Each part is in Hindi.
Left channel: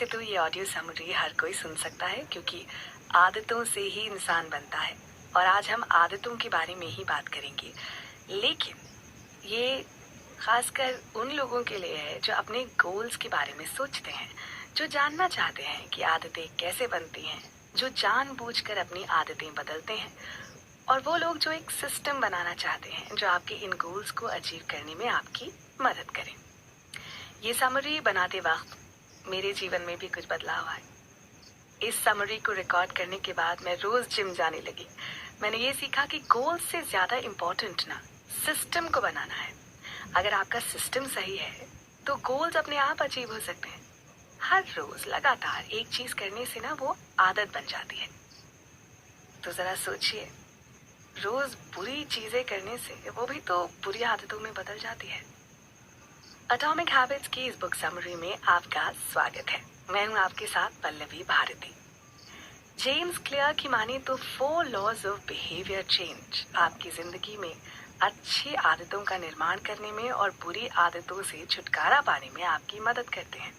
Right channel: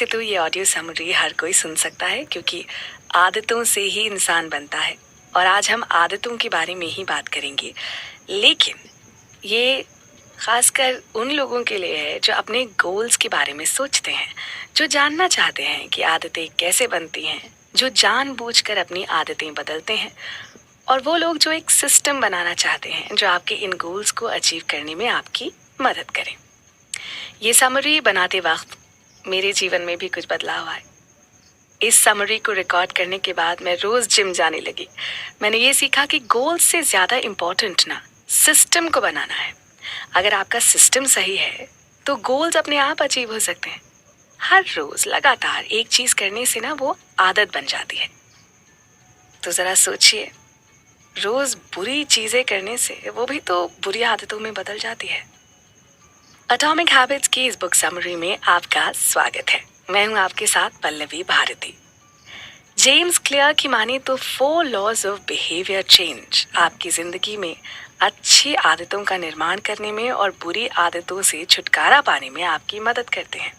से तो ये ऑडियो समरी हर कोई सुन सकता है, क्योंकि आदतों से ही इंसान बनता है और आज हम आदतों के बारे में ही बात करेंगे। लेकिन ये खासकर उन लोगों के लिए है जो अपने गोल्स के बारे में सोचते हैं, जो जानना चाहते हैं कि आदतें कैसे बनती हैं, जो जानबूझकर अपनी आदतें बदलते हैं, और वो लोग जो एक सिस्टम बनाना चाहते हैं जो आपके इन गोल्स को अचीव करने में आपकी मदद करें। ये समरी बनाते वक्त मेरे जीवन में भी कुछ बदलाव आए। इस समरी को रिकॉर्ड करने के बाद मैं रोज जिम जाने लगी। मैंने ये सीखा कि गोल्स से ज्यादा इम्पोर्टेंट ना सिस्टम को बनाना है। अगर आपका सिस्टम सही है तो गोल्स अपने आप अचीव हो सकते हैं। हर रोज लगातार एक चीज करने से ना वो आदत बन जाती है। तो जरा सोचिए, रोज बुरी चीजें करने से वो भी तो बुरी आदतों में बदल जाती है। एटॉमिक हैबिट्स की इस बुक समरी में आपका स्वागत है। मैं हूं आपके साथ पल्लवी भारती। जेम्स क्लियर की माने तो 4 लॉज ऑफ बिहेवियर चेंज आपकी जिंदगी में अच्छी आदतों का निर्माण करने में और बुरी आदतों से छुटकारा पाने में आपकी मदद करते हैं।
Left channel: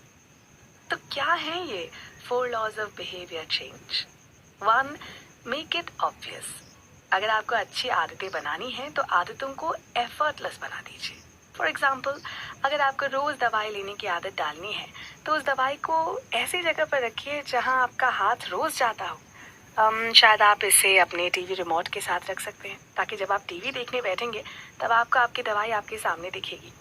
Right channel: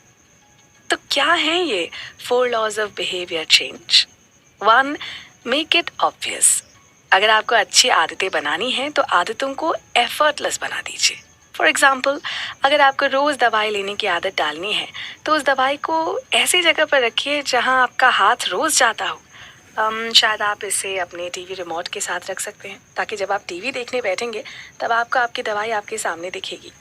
तो क्या है ये 4 laws of behaviour change? 1. Make it obvious. अगर आपको अच्छी आदतें बनानी हैं तो आदतों को एफर्टलेस बना दीजिए। फॉर एग्जाम्पल, अगर आपको रोज दवाई लेने की आदत डालनी है तो उस दवाई को ऐसी जगह पर रखिए जहां आपका हाथ रोज जाता हो। शायद आप इसे अपने टीवी रिमोट के साथ रख सकते हैं, ताकि जब आप टीवी देखने बैठेंगे तब आपको आपकी दवाई आपके सामने दिखेगी।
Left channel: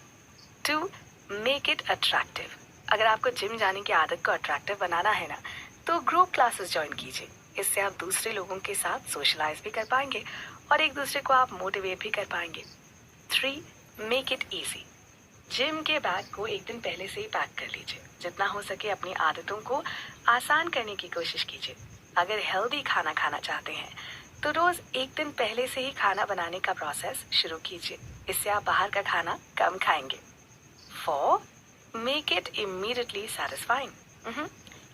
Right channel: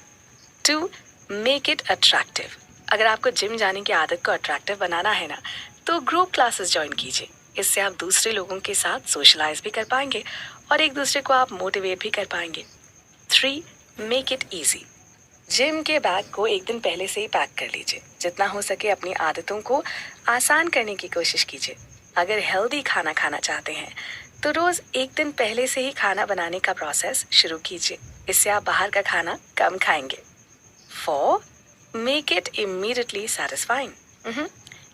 2. Make it attractive. अगर आपको जिम जाने की आदत को अट्रैक्टिव बनाना है ना, तो ग्रुप क्लासेस ज्वाइन कीजिए। इससे आप दूसरे लोगों के साथ सोशलाइज भी कर पाएंगे और एक दूसरे को आप मोटिवेट भी कर पाएंगे। 3. Make it easy. जिम के बैग को एक दिन पहले से ही पैक कर लीजिए। जितना हो सके अपनी आदतों को आसान करने की कोशिश कीजिए। अगर हेल्दी खाना खाना चाहते हैं तो रोज एक दिन पहले से ही खाना बनाने का प्रोसेस शुरू कीजिए। इससे आप बाहर का खाना कम खाएंगे। 4. Make it immediately satisfying.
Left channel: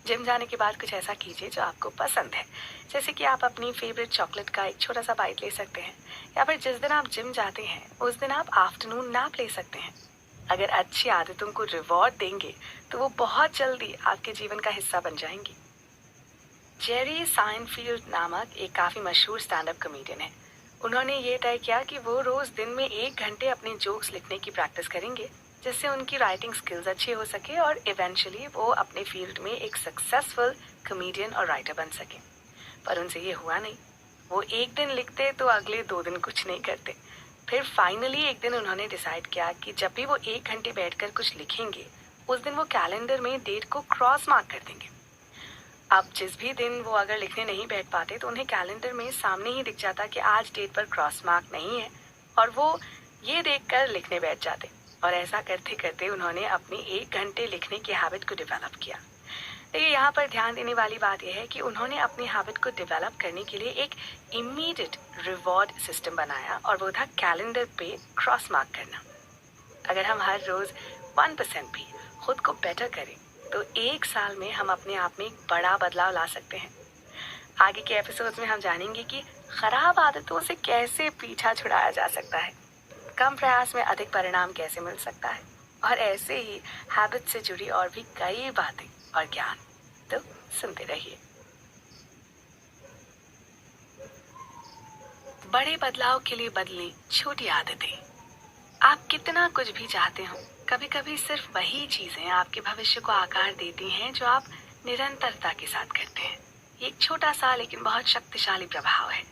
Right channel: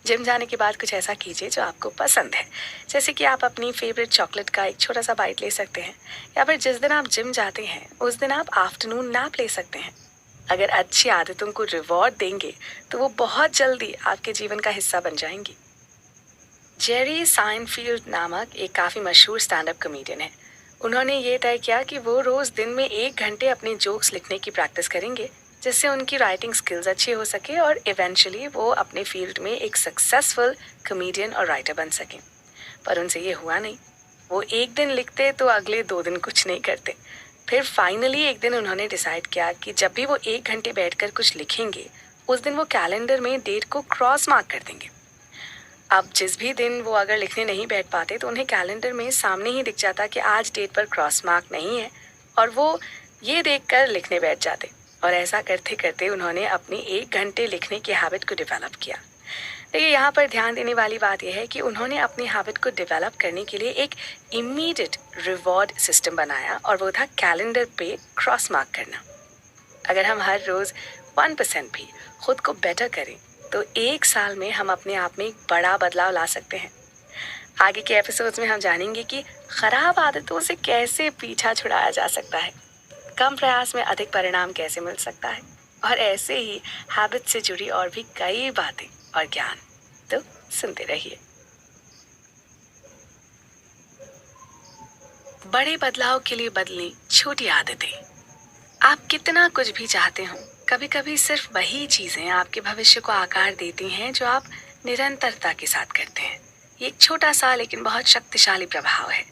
Gym जाने के बाद कुछ ऐसा कीजिए जो आपको पसंद है, जैसे कि आप अपनी फेवरेट चॉकलेट का एक छोटा सा बाइट ले सकते हैं, या फिर जिस दिन आप जिम जाते हैं उस दिन आप आफ्टरनून नैप ले सकते हैं। अगर अच्छी आदतों को रिवॉर्ड देंगे तो वो बहुत जल्दी आपके जीवन का हिस्सा बन जाएंगी। जेरी साइनफील्ड नामक एक काफी मशहूर स्टैंड अप कॉमेडियन है। उन्होंने ये तय किया कि वो रोज दिन में 1 घंटे अपने जोक्स लिखने की प्रैक्टिस करेंगे, जिससे उनकी राइटिंग स्किल्स अच्छी हो सके और इवेंचुअली वो अपने फील्ड में एक सक्सेसफुल कॉमेडियन और राइटर बन सके। पर उनसे ये हुआ नहीं। वो एक दिन लिखते तो अगले 2 दिन कुछ नहीं करते। फिर फाइनली एक दिन उन्होंने डिसाइड किया कि जब भी वो 1 घंटे बैठकर कुछ लिखेंगे, उस दिन वो कैलेंडर में डेट को क्रॉस मार्क कर देंगे। अब जिस भी दिन वो अगर लिखने नहीं बैठ पाते तो उन्हें कैलेंडर में सामने ही दिख जाता कि आज डेट पर क्रॉस मार्क नहीं है, और वो ये देखकर लिखने बैठ जाते। और ऐसा करते करते उन्होंने अपनी 1 घंटे लिखने की हैबिट को डेवलप किया। देखिए, यहाँ पर ध्यान देने वाली बात यह है कि उन्होंने अपनी हैबिट को डेवलप करने के लिए एक इमीडिएट रिवॉर्ड सिस्टम बनाया, और वो था कैलेंडर पे क्रॉस मार्क करना। अगर हम हर रोज 1% भी खुद को बेटर करें तो 1 साल में हम अपने आप में एक बड़ा बदलाव ला सकते हैं। आगे के एपिसोड्स में हम जानेंगे कि खराब आदतों से कैसे पीछा छुड़ाया जा सकता है, कम प्रयास में अधिक परिणाम कैसे मिल सकता है, और ऐसे ही हैबिट से जुड़ी और भी कई बातें और ज्ञान। तो सुनते रहिए। बड़े बदलाव के लिए बदलें छोटी आदतें। आप कितना कुछ भी चाहते हो, कभी कभी सिर्फ वही चीजें आपके भविष्य को आकार देती हैं जो आप निरंतरता के साथ करते हैं। ये एक छोटा सा लेकिन बहुत शक्तिशाली प्रभाव है।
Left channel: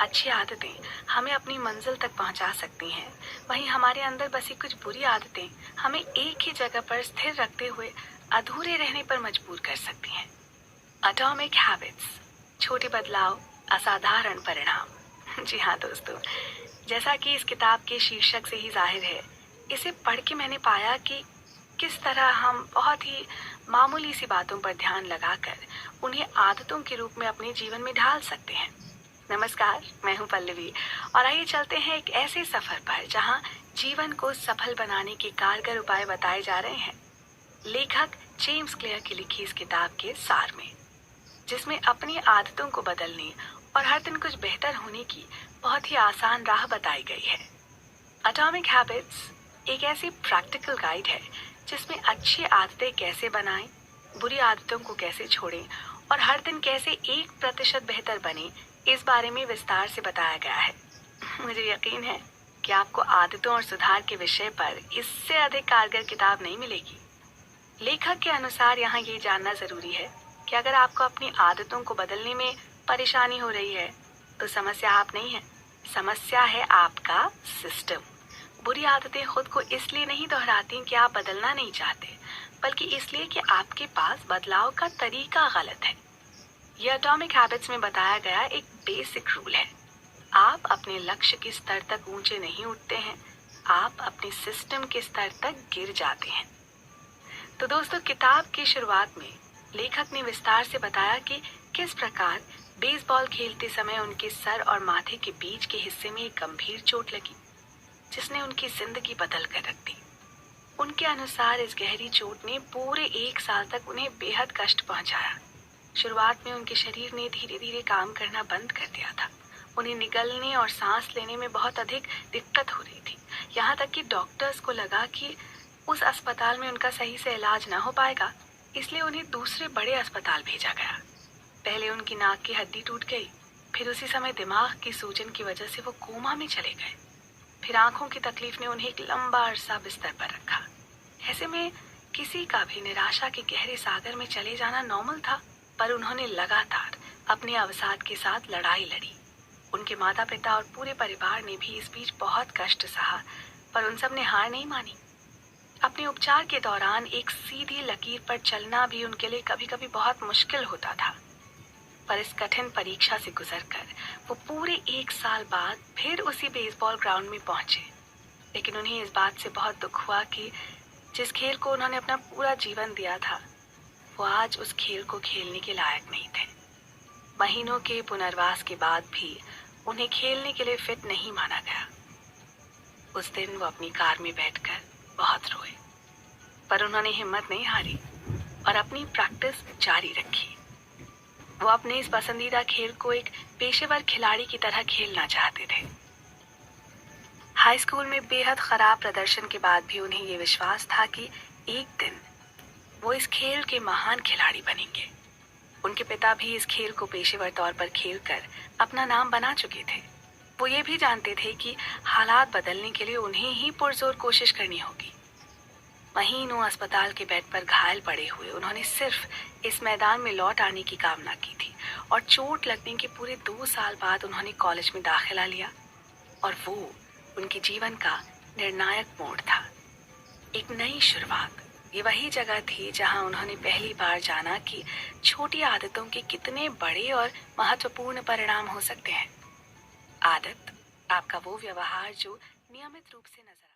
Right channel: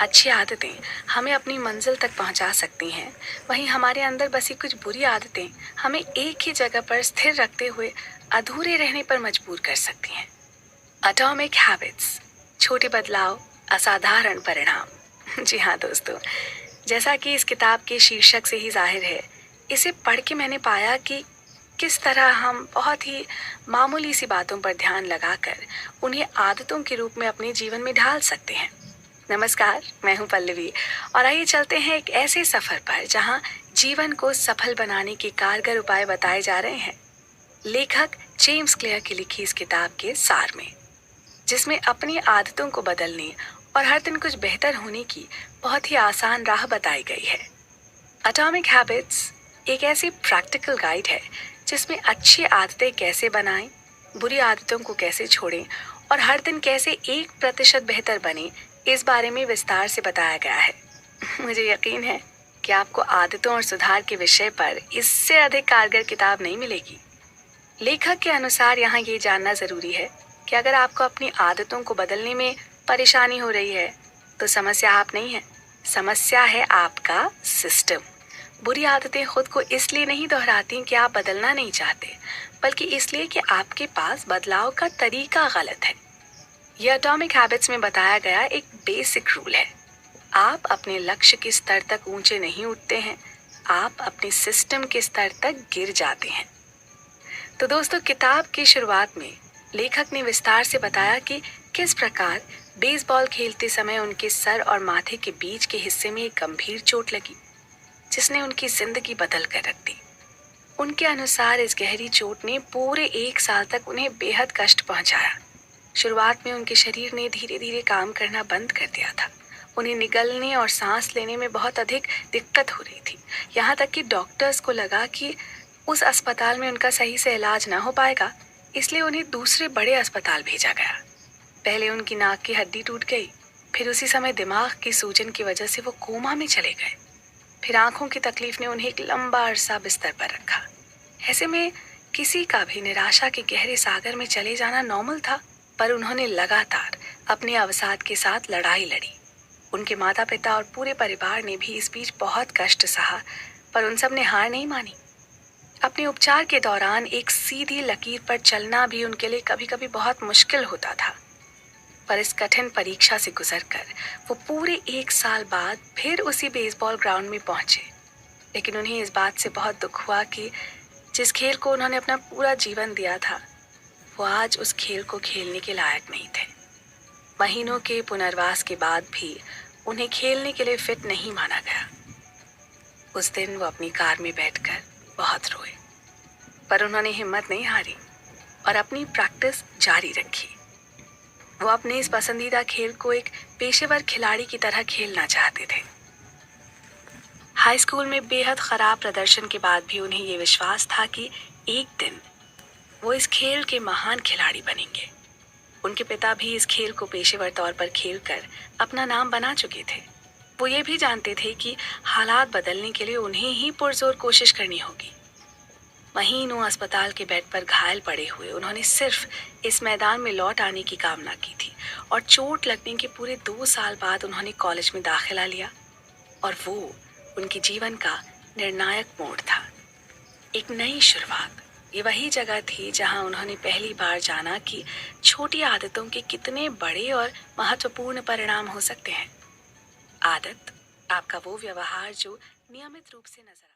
अच्छी आदतें हमें अपनी मंजिल तक पहुंचा सकती हैं, वहीं हमारे अंदर बसी कुछ बुरी आदतें हमें एक ही जगह पर स्थिर रखते हुए अधूरे रहने पर मजबूर कर सकती हैं। एटॉमिक हैबिट्स, छोटे बदलाव, असाधारण परिणाम। जी हाँ दोस्तों, जैसा कि इस किताब के शीर्षक से ही जाहिर है, इसे पढ़ के मैंने पाया कि किस तरह हम बहुत ही मामूली सी बातों पर ध्यान लगाकर उन्हें आदतों के रूप में अपने जीवन में ढाल सकते हैं। नमस्कार, मैं हूं पल्लवी, और आइए चलते हैं एक ऐसे सफर पर जहां जीवन को सफल बनाने के कारगर उपाय बताए जा रहे हैं, लेखक जेम्स क्लियर की लिखी इस किताब के सार में, जिसमें अपनी आदतों को बदलने और हर दिन कुछ बेहतर होने की बहुत ही आसान राह बताई गई है। एटॉमिक हैबिट्स एक ऐसी प्रैक्टिकल गाइड है जिसमें अच्छी आदतें कैसे बनाएं, बुरी आदतों को कैसे छोड़ें और हर दिन कैसे 1% बेहतर बने, इस बारे में विस्तार से बताया गया है। मुझे यकीन है कि आपको आदतों और सुधार के विषय पर इससे अधिक कारगर किताब नहीं मिलेगी। लेखक के अनुसार यहाँ ये जानना जरूरी है कि अगर आपको अपनी आदतों को बदलने में परेशानी हो रही है, तो समस्या आप नहीं है, समस्या है आपका सिस्टम। बुरी आदतें खुद को इसलिए नहीं दोहराती कि आप बदलना नहीं चाहते, बल्कि इसलिए कि आपके पास बदलाव का तरीका गलत है। यह एटॉमिक हैबिट्स में बताया गया एक बेसिक रूल है। आप अपने लक्ष्य के स्तर तक ऊंचे नहीं उठते हैं, आप अपने सिस्टम के स्तर तक गिर जाते हैं। तो दोस्तों, किताब की शुरुआत में लेखक ने विस्तार से बताया कि किस प्रकार बेसबॉल खेलते समय उनके सर और माथे के बीच के हिस्से में एक गंभीर चोट लगी, जिसने उनकी जिंदगी बदल कर रख दी। उनके अनुसार इस गहरी चोट ने पूरे 1 साल तक उन्हें बेहद कष्ट पहुंचाया। शुरुआत में उनके शरीर ने धीरे धीरे काम करना बंद कर दिया था। उन्हें निगलने और सांस लेने में बहुत अधिक दिक्कत हो रही थी। यहाँ तक कि डॉक्टर्स को लगा कि उस अस्पताल में उनका सही से इलाज ना हो पाएगा, इसलिए उन्हें दूसरे बड़े अस्पताल भेजा गया। पहले उनकी नाक की हड्डी टूट गई, फिर उसी समय दिमाग की सूजन की वजह से वो कोमा में चले गए। फिर आंखों की तकलीफ ने उन्हें एक लंबा अरसा बिस्तर पर रखा। ऐसे में किसी का भी निराशा के गहरे सागर में चले जाना नॉर्मल था, पर उन्होंने लगातार अपने अवसाद के साथ लड़ाई लड़ी। उनके माता पिता और पूरे परिवार ने भी इस बीच बहुत कष्ट सहा, पर उन सब ने हार नहीं मानी। अपने उपचार के दौरान एक सीधी लकीर पर चलना भी उनके लिए कभी कभी बहुत मुश्किल होता था, पर इस कठिन परीक्षा से गुजरकर वो पूरे 1 साल बाद फिर उसी बेसबॉल ग्राउंड में पहुंचे। लेकिन उन्हें इस बात से बहुत दुख हुआ कि जिस खेल को उन्होंने अपना पूरा जीवन दिया था, वो आज उस खेल को खेलने के लायक नहीं थे। महीनों के पुनर्वास के बाद भी उन्हें खेलने के लिए फिट नहीं माना गया। उस दिन वो अपनी कार में बैठकर बहुत रोए, पर उन्होंने हिम्मत नहीं हारी और अपनी प्रैक्टिस जारी रखी। वो अपने इस पसंदीदा खेल को एक पेशेवर खिलाड़ी की तरह खेलना चाहते थे। हाई स्कूल में बेहद खराब प्रदर्शन के बाद भी उन्हें ये विश्वास था कि एक दिन वो इस खेल के महान खिलाड़ी बनेंगे। उनके पिता भी इस खेल को पेशेवर तौर पर खेलकर अपना नाम बना चुके थे। वो ये भी जानते थे कि हालात बदलने के लिए उन्हें ही पुरजोर कोशिश करनी होगी। महीनों अस्पताल के बेड पर घायल पड़े हुए उन्होंने सिर्फ इस मैदान में लौट आने की कामना की थी, और चोट लगने के पूरे 2 साल बाद उन्होंने कॉलेज में दाखिला लिया, और वो उनके जीवन का निर्णायक मोड़ था, एक नई शुरुआत। ये वही जगह थी जहां उन्होंने पहली बार जाना कि छोटी आदतों के कितने बड़े और महत्वपूर्ण परिणाम हो सकते हैं। आदत आपका वो व्यवहार जो नियमित रूप से नजर